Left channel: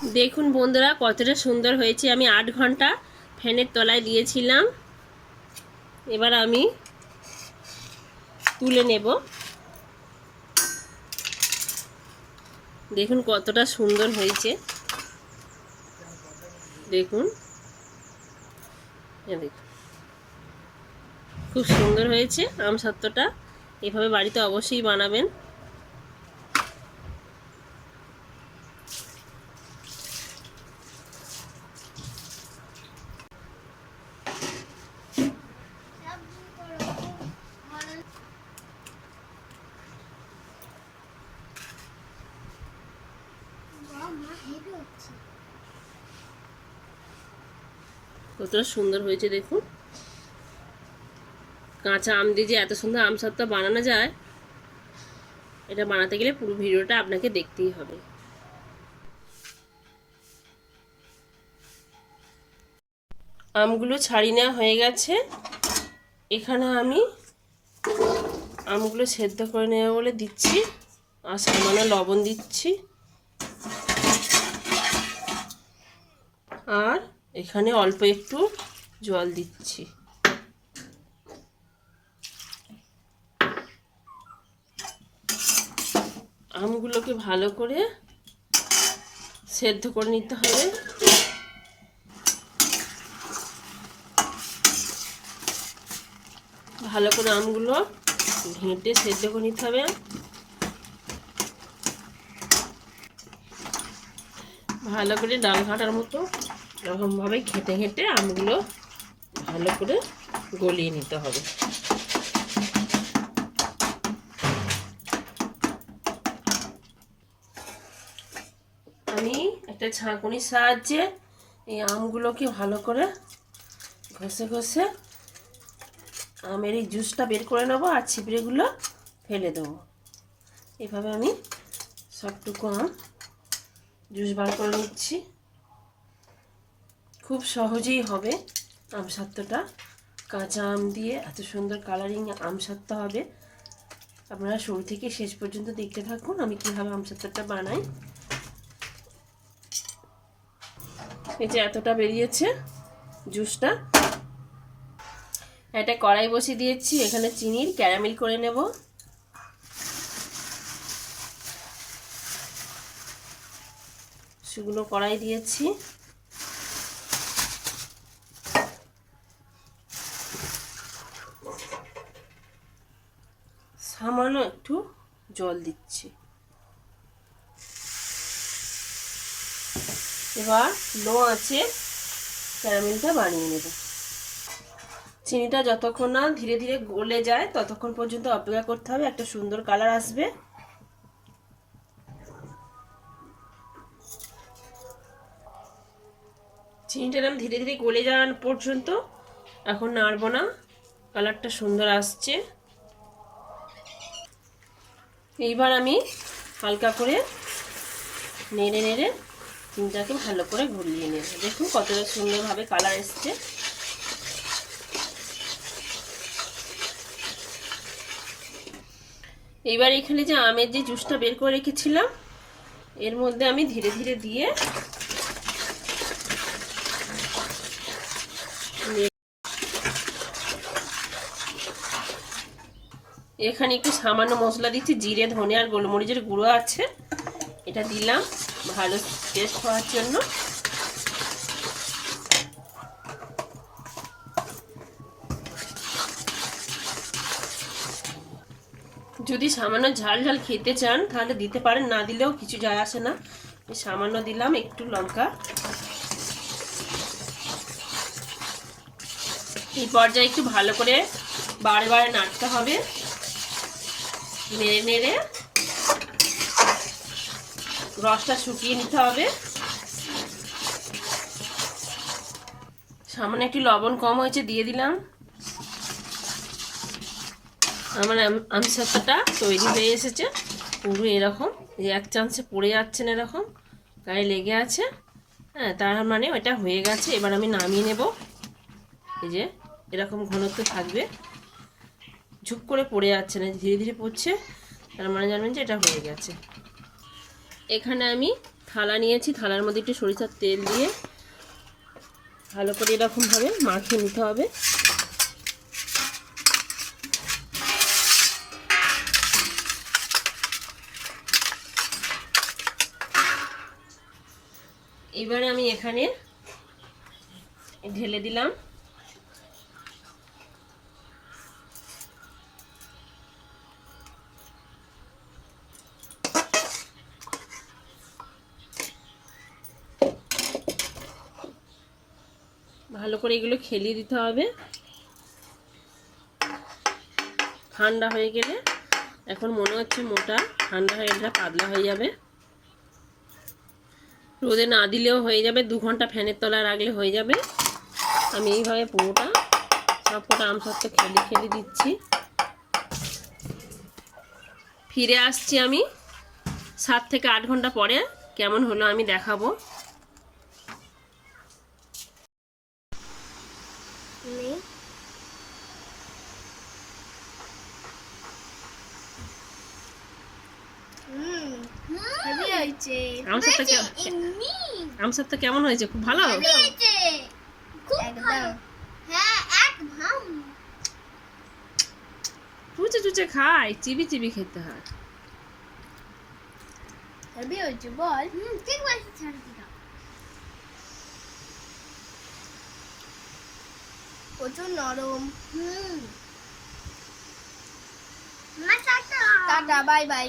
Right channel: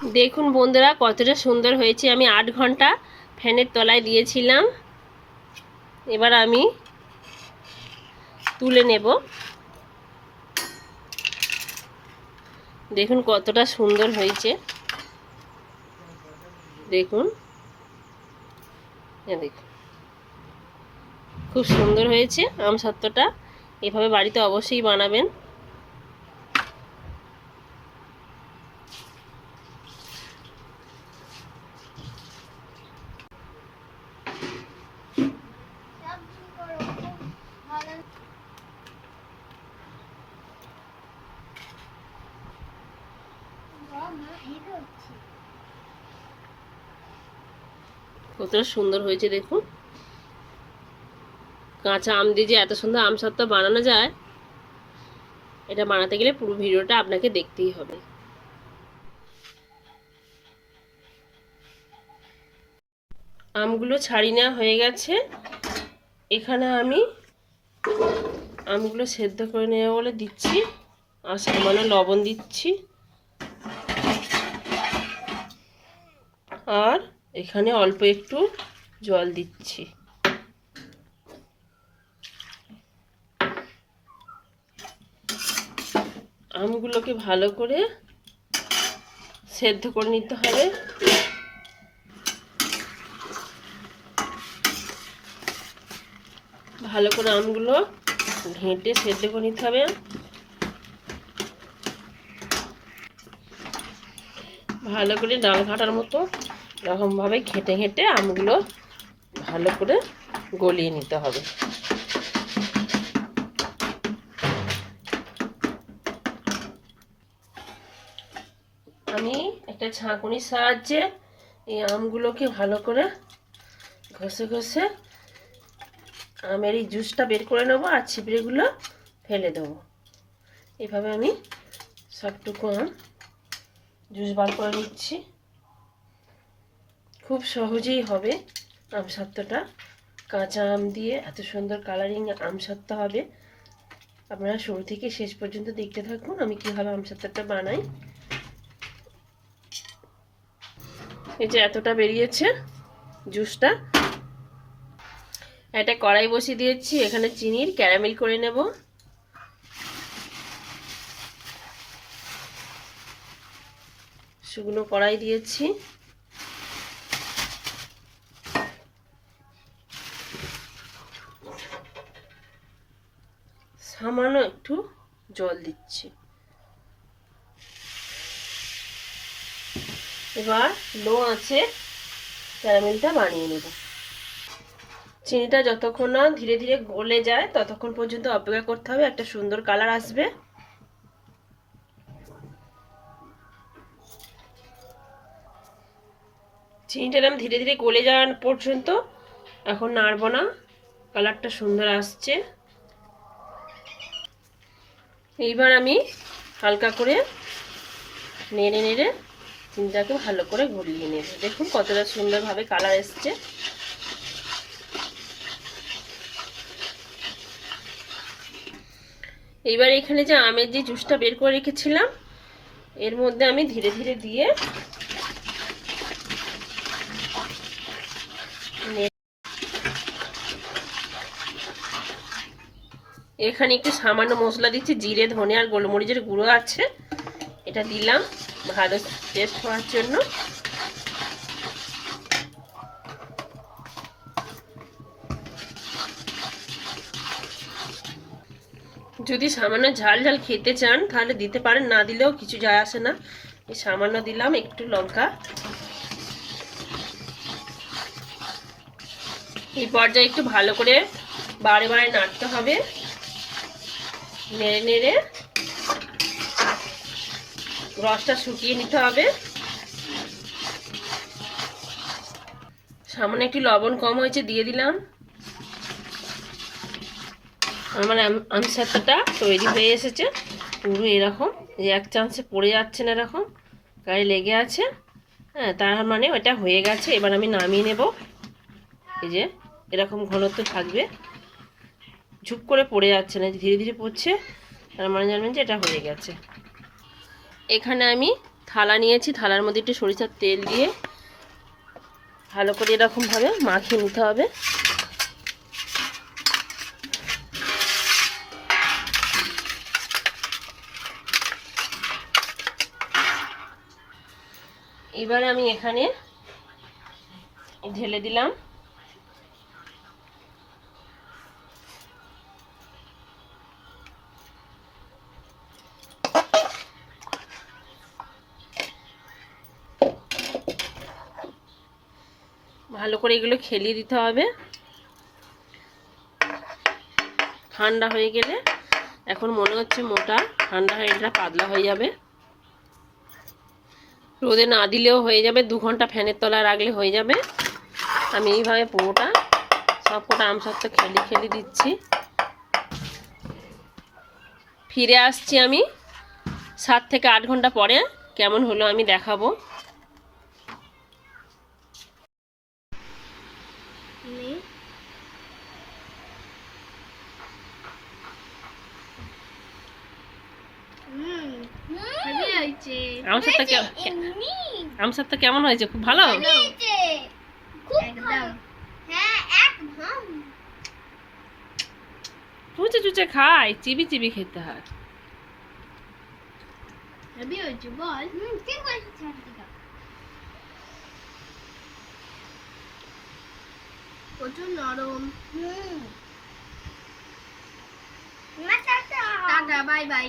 দেখুন বন্ধুরা কতটা সুন্দর হয়েছে। আমি 8 ঘন্টা ফ্যানের তলায় দিয়েছিলাম। এবার আমি তুলে নেব। দেখুন কতটা সুন্দর হয়েছে। দেখুন দেখুন খুব সুন্দর হয়েছে আমসত্ত্বটা। এভাবে বাড়িতে অবশ্যই বানাবেন। কতটা সুন্দর হয়েছে দেখুন। কাঁচা আম দিয়ে যে এত সুন্দর আমসত্ত্ব বানানো যায়, এটা বানাতে গেলে পুরো ভিডিওটা আপনাকে দেখতেই হবে। আমগুলো ছাড়িয়ে নেওয়া হয়ে গেছে। এখানে আমি আমগুলো সেদ্ধ করে নেওয়া বলে দিচ্ছি, আর সামান্য লবণ দিচ্ছি। আর এখানে অল্প একটু জল দিচ্ছি। আমগুলোকে ভালো করে সেদ্ধ করে নিতে হবে। ভালো করে আমগুলো ঘেঁটে সেদ্ধ করে নিতে হবে। ভালো করে ডাল ঘাটার মতো এরকমভাবে ঘেঁটে ঘেঁটে আমগুলো ভালো করে গলিয়ে নিতে হবে। আমি একটা ছাঁকুনির সাহায্যে এই আমগুলোকে ভালো করে ঘষে ঘষে আমের এই জুসটা বের করে নেবো, আর ছিবড়েগুলো ফেলে দেবো। এভাবে আমি সবটুকু আম জুস বার করে নিচ্ছি। খুব সহজেই হবে আমসত্ত্বটা। কাঁচা আম দিয়ে এত সুন্দর কালারিং আমসত্ত্ব হবে। আপনারা শুরু থেকে শেষ পর্যন্ত দেখতে থাকুন আমি কীভাবে আমসত্ত্বটা বানাই। এই যে এতটা বেরিয়েছে জুসটা। একটা কড়াই বসিয়ে দিয়েছি, এখানে চিনির ক্যারামেল করে নেব। শুকনো কড়াই দিয়েছি। সামান্য একটু জল দিচ্ছি। এবার লো আঁচে ক্যারামেলটা বানিয়ে নেব। চিনিটা যতক্ষণ না ধীরে ধীরে গলে যায় ততক্ষণ পর্যন্ত অপেক্ষা করতে হবে, একটা সুন্দর কালার আসবে। চিনিটা আমি ধীরে ধীরে গলে যাওয়া পর্যন্ত এখন নাড়ব না, কালারটা সুন্দর আসছে। এইবার আমি হালকা করে নেড়ে নেড়ে চিনিটাকে ভালো করে গুলিয়ে নেব। দেখুন কতটা সুন্দরভাবে কালার এসছে। এবার এখানে যে আমের যে জুসটা বের করে রেখেছিলাম এর মধ্যে আমি ধীরে ধীরে দিয়ে এখানে একটু সামান্য মশলা দিচ্ছি, জিরে ধনে আর গোলমরিচের গুঁড়ো আছে, এটা দিলাম ভালো টেস্ট হওয়ার জন্য। যদি সামান্য ঝাল ঝাল খেতে চান তাহলে দিতে পারেন, না দিলেও কিছু যায় আসে না। সামান্য দিলাম একটু লঙ্কা। এই পর্যায়ে একটু ভালো করে বারে বারে নাড়তে হবে, নেড়ে নেড়ে রসটা শুকিয়ে নিতে হবে। সামান্য একটু লবণ কম হয়েছে দিয়ে দিলাম। আমার আমসত্ত্বটা তৈরি হয়ে এসেছে পুরো এরকম, এক চান্সে পড়ে যাচ্ছে না, এরকম গায়ে লেগে আছে। হ্যাঁ, তার মানে ওটা হয়ে গেছে। এবার আমি নামিয়ে নেব। এই যে এরকম ঘনত্ব থাকবে, ঝুপ করে পড়ে যাচ্ছে না, ধীরে ধীরে পড়ছে, তার মানে জানবেন যে এটা হয়ে গেছে। এখানে আমি থালা নিয়েছি, থালার মধ্যে একটু সরিষার তেল দিয়ে ভালো করে এরকমভাবে মাখিয়ে নিতে হবে। এবার আমি এখানে ঢেলে দিলাম। ভালো করে এগুলো খেলিয়ে দিতে হবে। ঠান্ডা হয়ে গেলে, এখন মনে হচ্ছে মোটা, ঠান্ডা হয়ে গেলে পাতলা হয়ে যাবে। রোদে না দিলেও হয়ে যাবে, 2 ঘন্টা ফ্যানের তলায় রাখলে হয়ে যাবে। আমি এইভাবে পুরোটা সব কটা আমসত্ত্ব খেলি দিচ্ছি। ফিরে আসছি আমি 7 থেকে 8 ঘন্টা পরে। কেমন হলো আমি দেখাবো। আমসত্ত্ব কেমন হয়েছে? খুব ভালো। চুচে চুচে খাই, চিবি চিবি খেতে হয়। বল প্রচুর নরম। Tata, bye bye.